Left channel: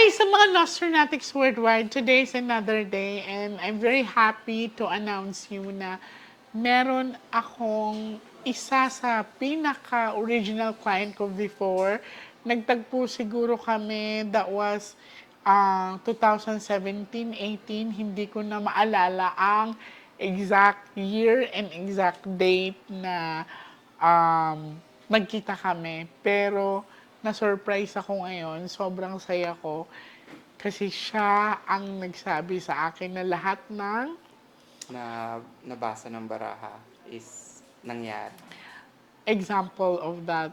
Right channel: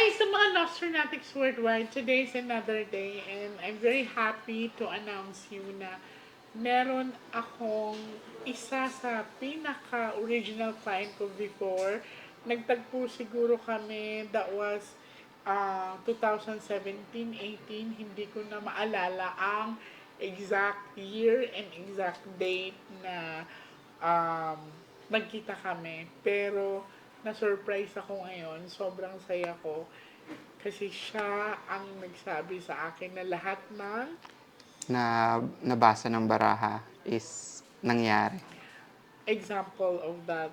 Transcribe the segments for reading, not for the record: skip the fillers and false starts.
Hi sa mga Nostronatics worldwide. Today is another day and I'm very happy to announce you na meron akong isa sa pinaka-original client ko before. Nagtagpo siguro kami, that was 2017-18. Hindi ko na maalala ang exact year and exact date na nagkita kami. Pero na-surprise ako ngayon. Sobrang saya ko. Kasi siya ang nagsabi sa akin na lahat ng na nabasa ng baraha is nangyari. example of that,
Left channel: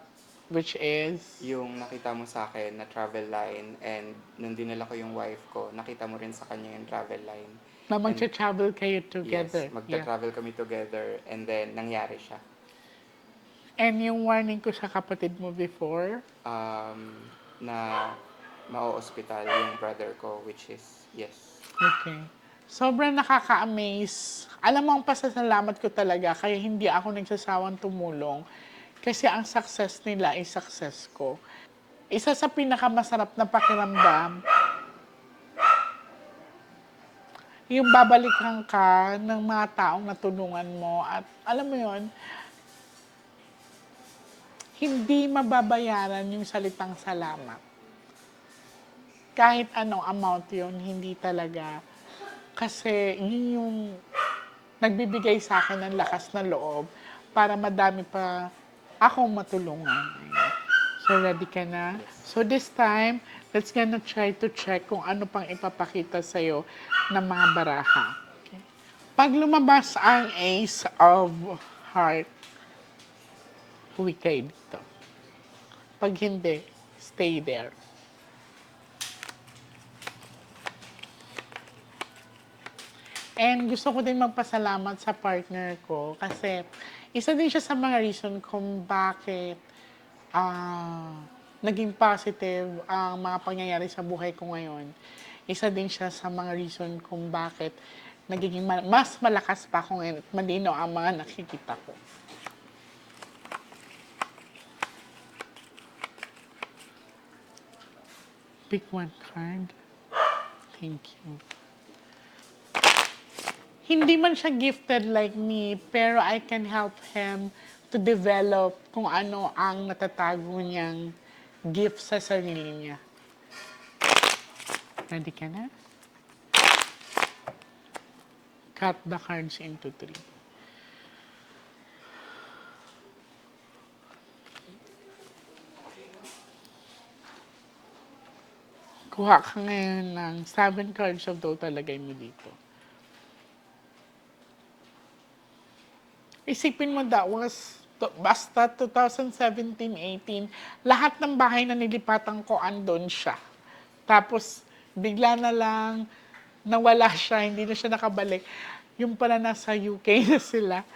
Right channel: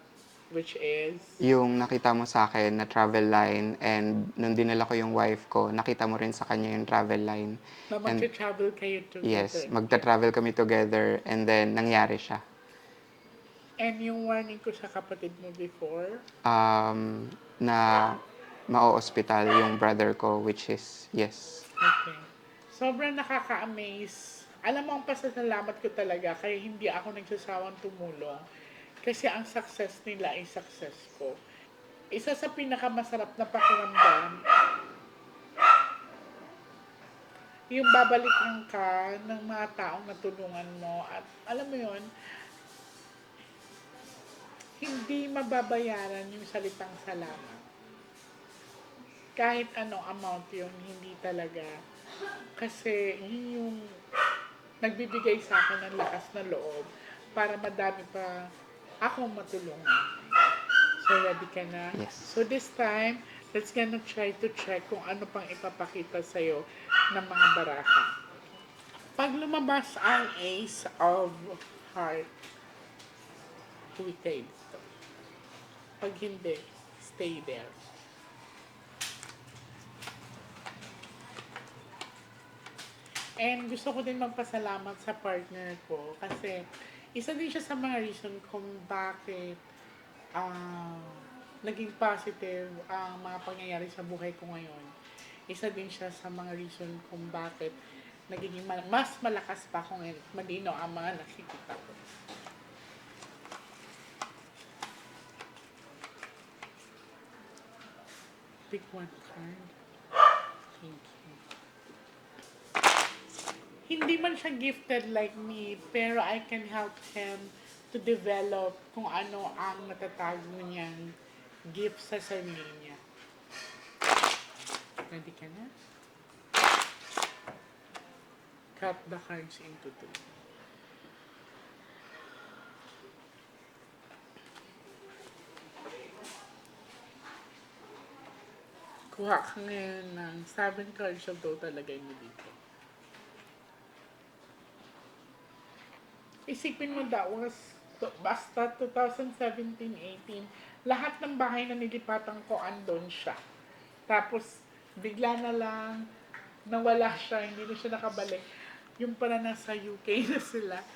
which is, Yung nakita mo sa akin na travel line and nung dinala ko yung wife ko, nakita mo rin sa kanya yung travel line. na And magta-travel kayo together. yes, magta-travel kami together and then nangyari siya. And yung warning ko sa kapatid mo before, Na ma-hospital yung brother ko, which is yes. okay. Sobrang nakaka-amaze. Alam mo, ang pasasalamat ko talaga, kaya hindi ako nagsasawang tumulong. Kasi ang success nila ay success ko. Isa sa pinakamasarap na pakiramdam, yung babalikan ka ng mga taong natulungan mo. At alam mo yon, hindi mababayaran yung salitang salamat. Kahit anong amount yun, hindi talaga. Kasi yun yung nagbibigay sa akin ng lakas na loob para madami pa akong matulungan. So, ready ka na? Yes. So, this time, let's gonna try to check kung ano pang ipapakita sa'yo ng mga baraha. Okay. Pag lumabas ang Ace of Heart, uwi kayo dito. Pag hindi, stay there. And gusto ko din magpasalamat sa partner ko kasi isa din siya sa mga reason kung bakit naging positive ang mga pangyayari sa buhay ko ngayon. Isa din siya sa mga reason kung bakit nagiging mas malakas pa ako ngayon at malinaw ang mga nakikita ko. Pick one card. Thank you. Hindi man siya gifted like me, pero I can help him to develop kung ano ang natatago niyang gift sa sarili niya. Ready ka na? Cut the cards into 3. Kuha ka ngayon ng 7 cards of total, lagay mo dito. Isipin mo that was basta 2017-18, lahat ng bahay na nilipatan ko andon siya. Tapos bigla na lang nawala siya, hindi na siya nakabalik. Yung pala nasa UK na sila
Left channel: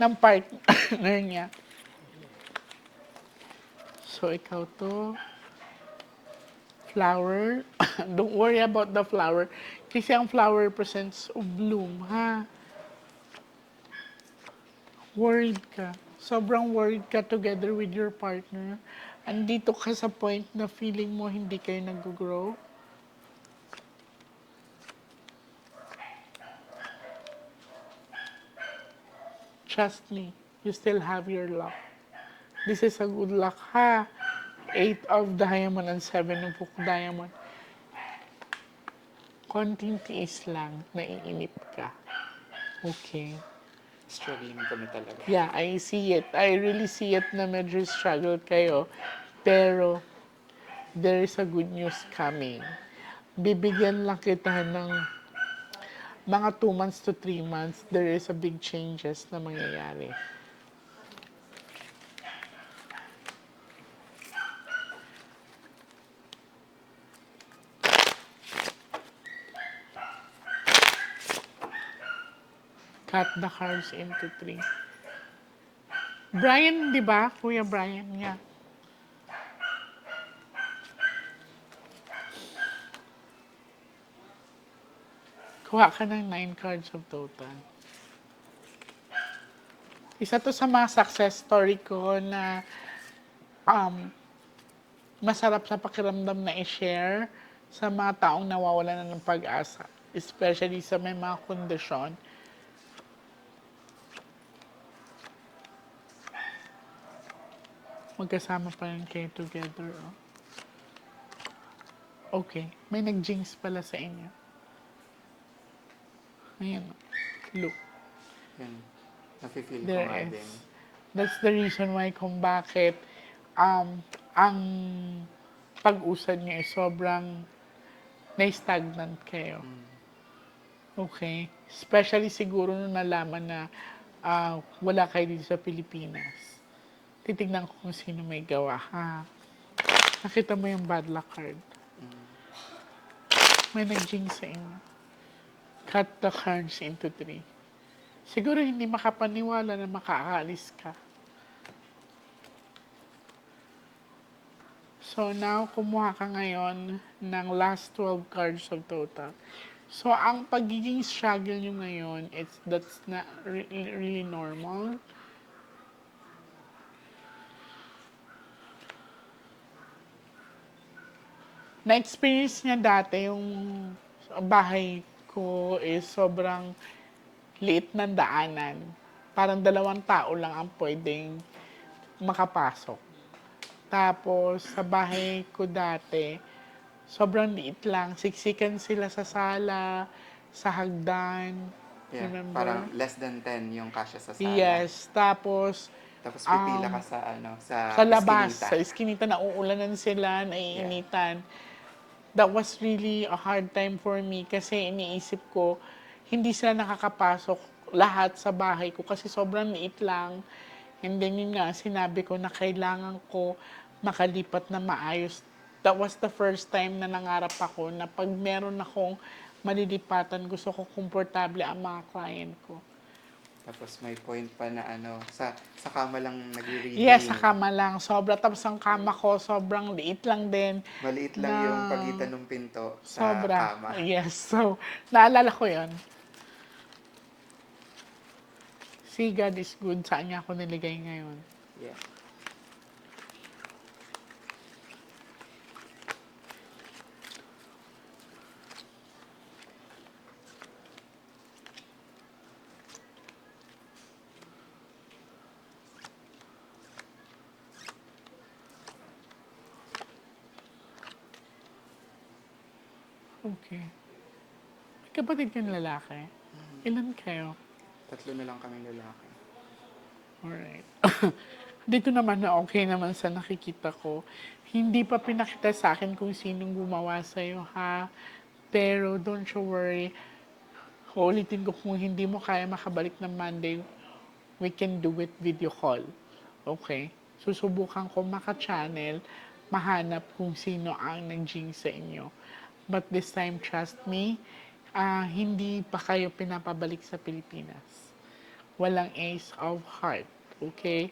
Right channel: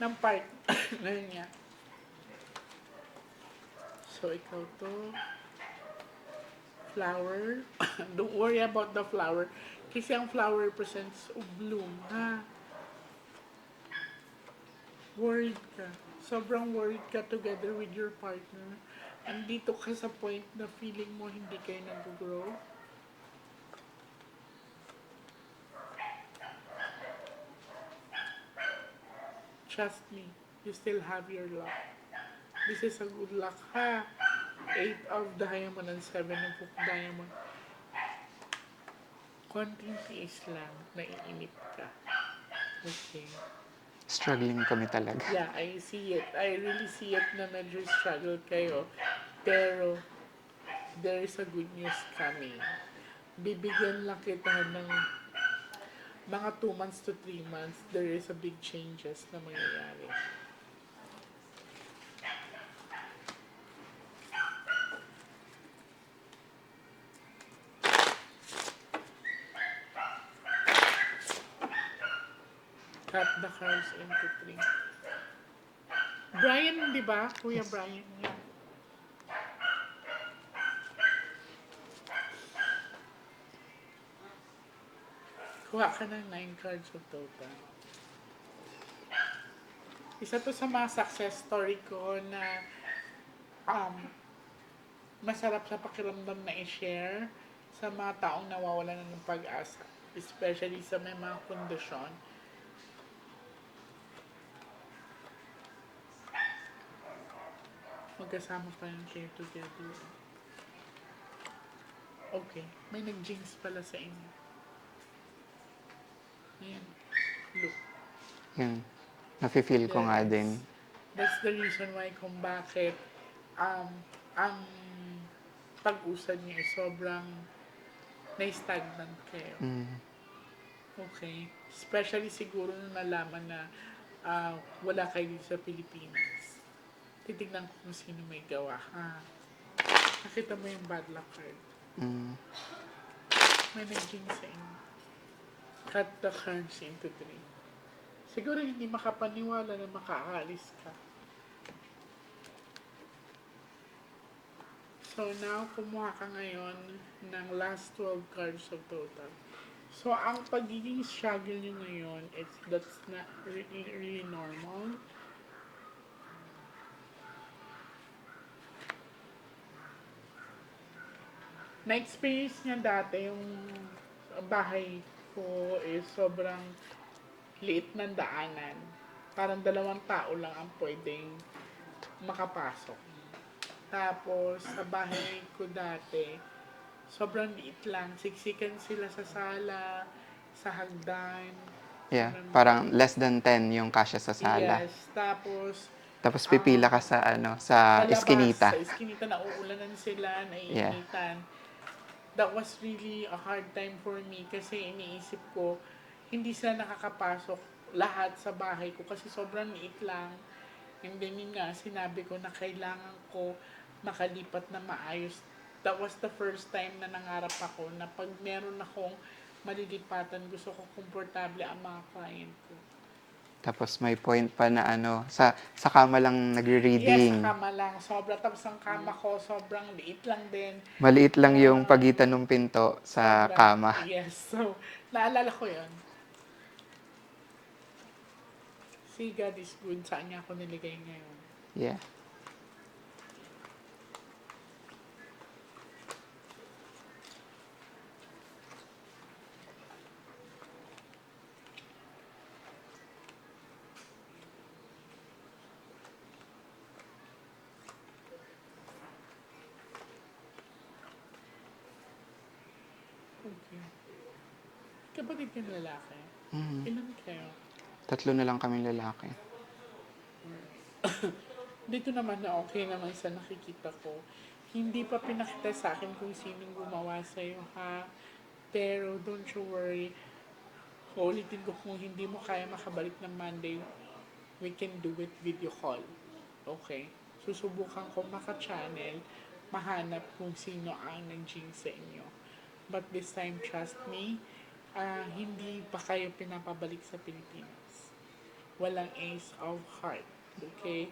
ng partner niya. So ikaw to, flower. Don't worry about the flower. Kasi ang flower represents bloom, ha? Worried ka. Sobrang worried ka together with your partner. Andito ka sa point na feeling mo hindi kayo nag-grow. Trust me, you still have your luck. This is a good luck, ha? 8 of diamond and 7 of diamond. Konting tiis lang, naiinip ka. Okay. Struggling kami talaga. Yeah, I see it. I really see it na medyo struggle kayo. Pero, there is a good news coming. Bibigyan lang kita ng mga 2 months to 3 months. There is a big changes na mangyayari. Cut the cards into 3. Brian, di ba? Kuya Brian, yeah. Kuha ka ng 9 cards of total. Isa to sa mga success story ko na masarap sa pakiramdam na i-share sa mga taong nawawalan na ng pag-asa, especially sa may mga kondisyon. Magkasama pa rin kayo together. Oh. Okay, may nag-jinx pala sa inyo. Ayan, look. Yun. Nafe-feel ko There nga is. din. That's the reason why kung bakit ang pag-usad niyo ay sobrang na-stagnant kayo. Okay? Especially siguro nung nalaman na wala kayo dito sa Pilipinas. Titignan ko kung sino may gawa. Ha? Nakita mo yung bad luck card. May nag-jinx sa inyo. Cut the cards into 3. Siguro hindi makapaniwala na makaalis ka. So now, kumuha ka ngayon ng last 12 cards of total. So, ang pagiging struggle nyo ngayon, that's not really normal. Na-experience niya dati yung bahay ko is sobrang liit ng daanan. Parang 2 tao lang ang pwedeng makapasok. Tapos, sa bahay ko dati, sobrang liit lang. Siksikan sila sa sala, sa hagdan. Yeah, Remember? parang less than 10 yung kasya sa sala. Yes. Tapos, Tapos pipila ka sa sa sa labas, iskinita. sa iskinita, nauulanan sila, naiinitan. That was really a hard time for me kasi iniisip ko, hindi sila nakakapasok lahat sa bahay ko kasi sobrang liit lang. And then yun nga, sinabi ko na kailangan ko makalipat na maayos. That was the first time na nangarap ako na pag meron akong malilipatan, gusto ko komportable ang mga client ko. Tapos may point pa na sa kama lang nagre-reading. Yes, sa kama lang. Sobra. Tapos ang kama ko, sobrang liit lang din. Maliit lang Na yung pagitan ng pinto sa sobra. kama. Yes. So, naalala ko yun. See, God is good. Saan niya ako niligay ngayon? Yeah. Okay. May kapatid kang lalaki? Ilan kayo? 3 na lang kaming lalaki. Alright. Dito naman na okay naman sa nakikita ko. Hindi pa pinakita sa akin kung sinong gumawa sa'yo, ha? Pero don't you worry. Uulitin ko kung hindi mo kaya makabalik ng Monday, we can do it video call. Okay? Susubukan ko maka-channel, mahanap kung sino ang nag-jinx sa inyo. But this time, trust me, hindi pa kayo pinapabalik sa Pilipinas. Walang ace of heart. Okay?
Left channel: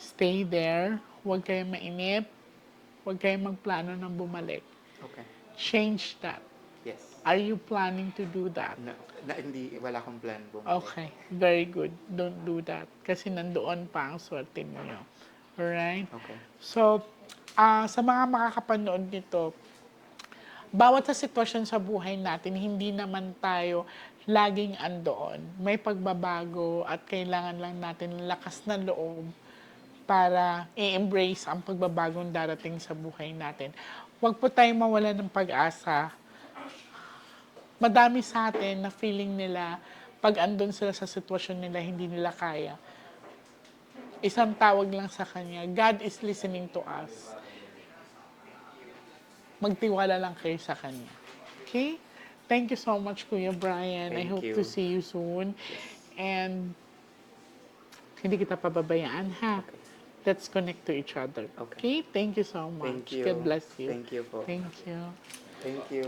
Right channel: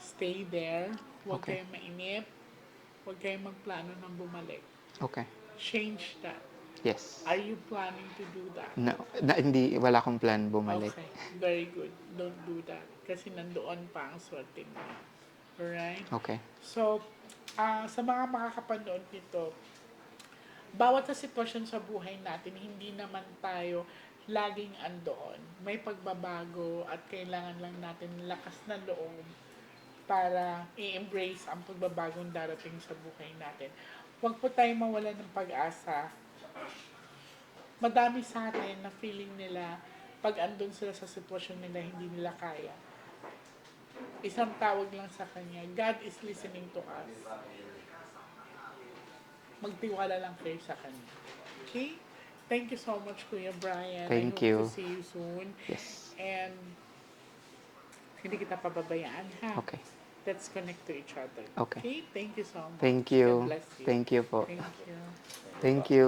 Stay there. Huwag kayong mainip. Huwag kayong magplano ng bumalik. Okay. Change that. Yes. Are you planning to do that? No, wala akong plan bumalik. Okay, very good. Don't do that. Kasi nandoon pa ang swerte niyo. Alright? Okay. So, sa mga makakapanood nito, bawat sa sitwasyon sa buhay natin, hindi naman tayo laging andoon. May pagbabago at kailangan lang natin ng lakas ng loob para i-embrace ang pagbabagong darating sa buhay natin. Huwag po tayong mawala ng pag-asa. Madami sa atin na feeling nila pag andun sila sa sitwasyon nila, hindi nila kaya. Isang tawag lang sa kanya, God is listening to us. Magtiwala lang kayo sa kanya. Okay? Thank you so much, Kuya Brian. I Thank hope you. to see you soon. Yes. And hindi kita pababayaan, ha? Okay. Let's connect to each other. Okay. Thank you so much. Thank you. God bless you. Thank you po. Thank you. Thank you.